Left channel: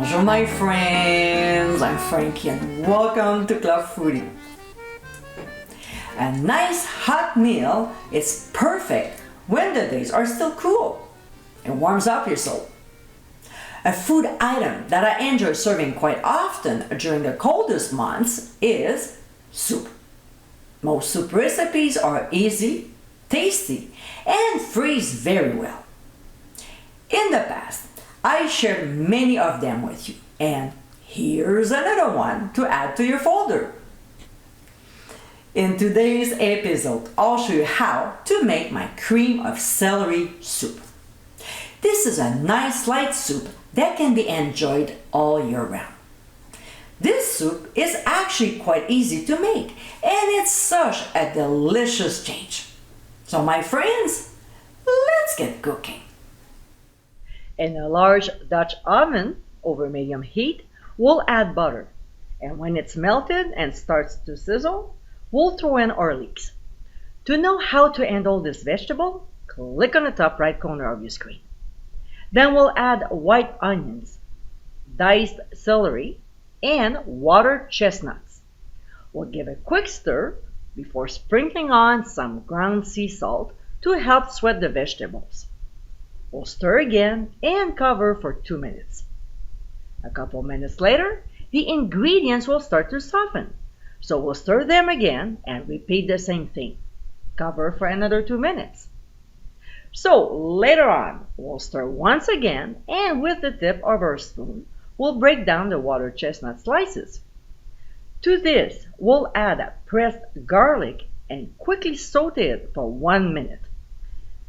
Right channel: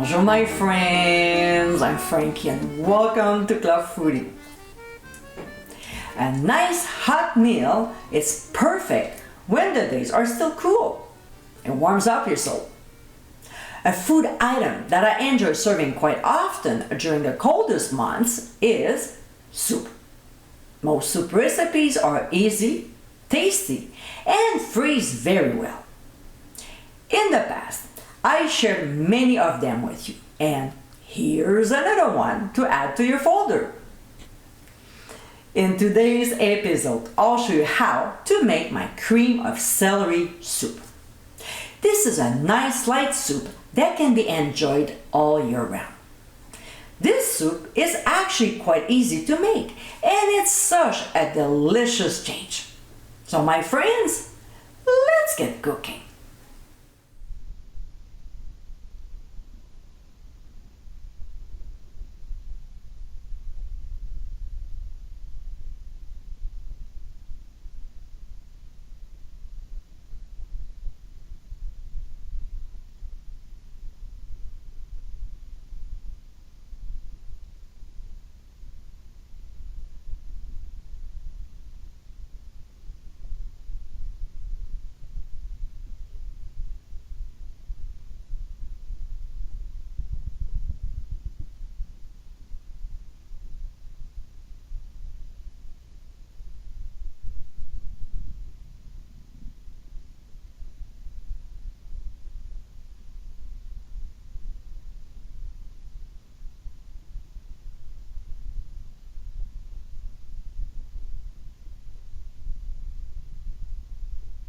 Bonjour my friends, I'm Frankie and welcome to Club Foodie. A nice hot meal is perfect when the days are still cool. It warms up your soul. A food item that I enjoy serving quite often during the coldest months is soup. Most soup recipes are easy, tasty, and freeze very well. In the past, I shared many of them with you, and here's another one to add to your folder. In today's episode, I'll show you how to make my cream of celery soup. This is a nice light soup that can be enjoyed all year round. This soup is actually quite easy to make, and it's such a delicious change. So my friends, let's get cooking. In a large Dutch oven over medium heat, we'll add butter. And when it's melted and starts to sizzle, we'll throw in our leeks. To know how to handle this vegetable, click on the top right corner of your screen. Then we'll add white onions, diced celery, and watered chestnuts. We'll give a quick stir before sprinkling on some ground sea salt to help sweat the vegetables. We'll stir again and cover for 2 minutes. A couple minutes later, the ingredients will start to soften. So we'll stir them again and repeat the same thing. Cover for another 2 minutes. So later on, we'll stir once again, and with the tip of our spoon, we'll break down the water chestnut slices. To this, we'll add pressed garlic and quickly saute it for 1 minute.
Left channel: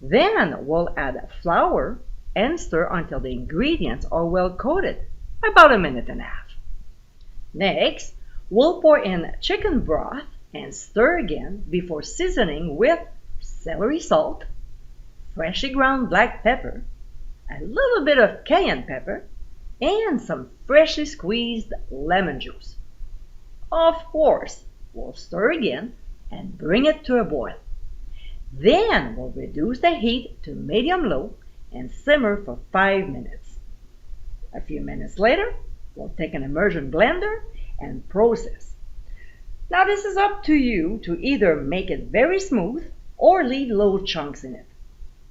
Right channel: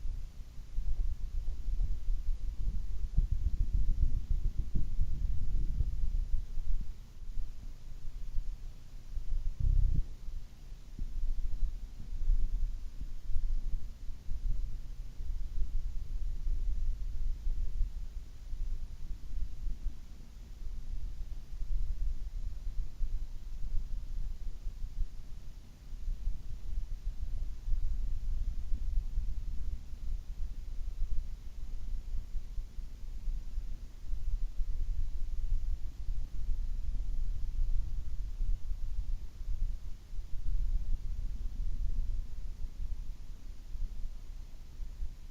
Then we'll add flour and stir until the ingredients are well coated, about 1.5 minutes. Next, we'll pour in chicken broth and stir again before seasoning with celery salt, freshly ground black pepper, a little bit of cayenne pepper, and some freshly squeezed lemon juice. Of course, we'll stir again and bring it to a boil. Then we'll reduce the heat to medium-low and simmer for 5 minutes. A few minutes later, we'll take an immersion blender and process. Now this is up to you to either make it very smooth or leave little chunks in it,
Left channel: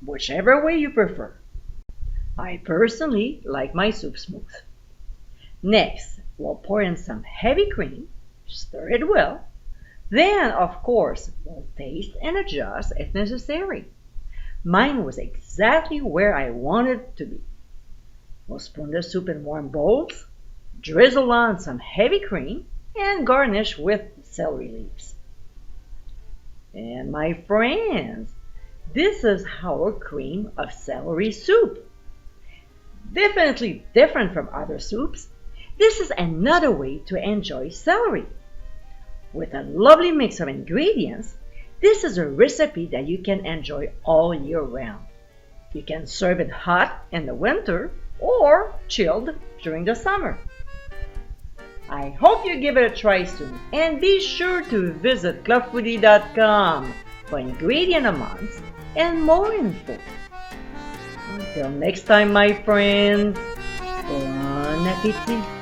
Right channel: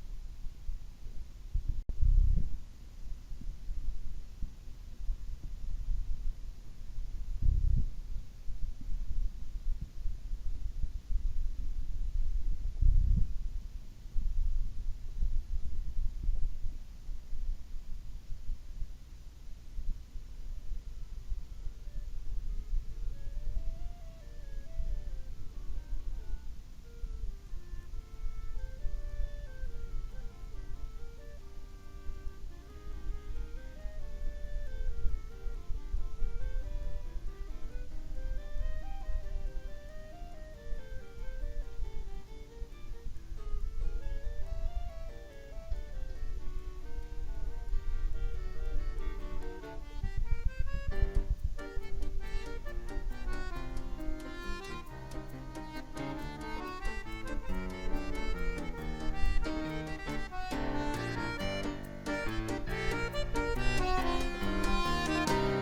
whichever way you prefer. I personally like my soup smooth. Next, we'll pour in some heavy cream, stir it well. Then, of course, we'll taste and adjust if necessary. Mine was exactly where I wanted it to be. We'll spoon the soup in warm bowls, drizzle on some heavy cream, and garnish with celery leaves. And my friends, this is our cream of celery soup. Definitely different from other soups. This is another way to enjoy celery. With a lovely mix of ingredients, this is a recipe that you can enjoy all year round. You can serve it hot in the winter or chilled during the summer. I hope you give it a try soon, and be sure to visit clubfoodie.com for ingredient amounts and more info. Until next time, my friends, bon appétit!